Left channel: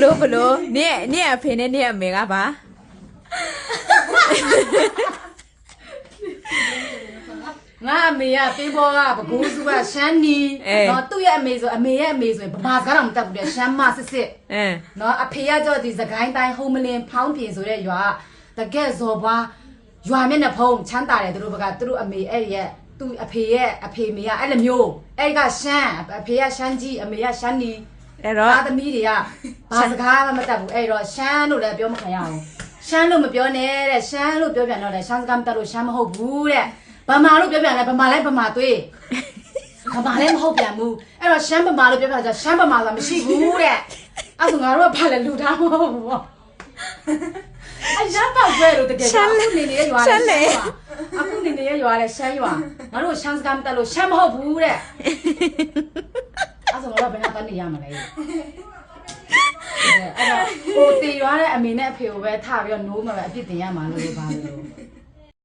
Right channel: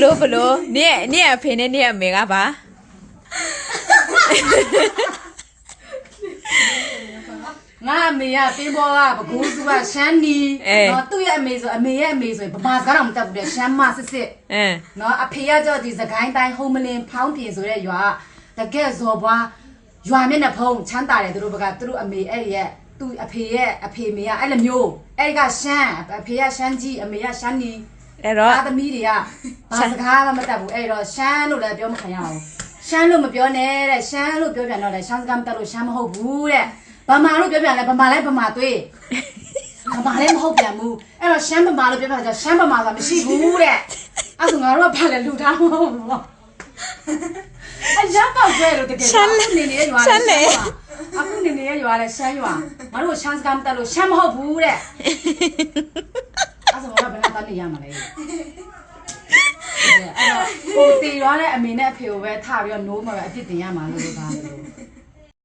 ဘလို့နေအဖေနဲ့နေအမေကပါငါအမေကပေးပေါ်ကပကိုးစုကရှမ်းနီနော်သူ့ရဲ့အမေဆိုအမေရဲ့အမေဆိုရင်ဗမာစကားတော့မတတ်ဘူးတဲ့ရှမ်းမစစ်နော်အဖေကကြောက်ဒီစကိုင်းတိုင်းဟုံးမလင်းဖောင်းပြင်ဆိုတဲ့ရွာတကယ်ဇော်ဘွားရွာမျက်နှာဖုံးချမ်းသာတယ်သူတို့ဘက်ကသူတို့အမေအဲ့ရဲ့သူ့အဖေမေကအဲ့လိုမျိုးအဲ့ကရှမ်းအဖေကရှမ်းကြီးအမေကရှမ်းနီအဲ့တော့သားသမီးတွေကဘာစကားမှမတတ်ဘူးအဲ့တော့ရှမ်းလို့လည်းပြောမခံရအောင်ရှမ်းလို့မပြောနဲ့တဲ့ရှမ်းလို့ပြောပြန်တော့လေရှမ်းစကားမတတ်လို့ရှမ်းမဟုတ်ဘူးတဲ့ဗမာလို့ပြောပြန်လဲဗမာလည်းဗမာသွေးဗမာလည်းမဟုတ်ပြန်ဘူးအဲ့တော့ရှမ်းဗမာလို့ပြောပြန်ဆိုရှမ်းဗမာဆိုတာမရှိဘူးတဲ့အဲ့ဆိုငါတို့ကဘာလဲလူသားမဟုတ်ဘူးအဲ့ရပောက်ကျွဲလို့တကယ်အခုနေနေရွာလဲအခုနေနေရွာလဲရှမ်းရွာငါတို့ရှမ်းစကားမတတ်လို့ရှမ်းမဟုတ်ဘူးတဲ့အဲ့ဆိုငါတို့ဘယ်နဲ့ကနေရမှာလဲအဲ့တော့ဟိုတီရွာနဲ့အမေနဲ့အဖေကိုပဲထပြီးတော့နိုးမှာပဲအပြစ်တင်ရမှာလို့ပါလို့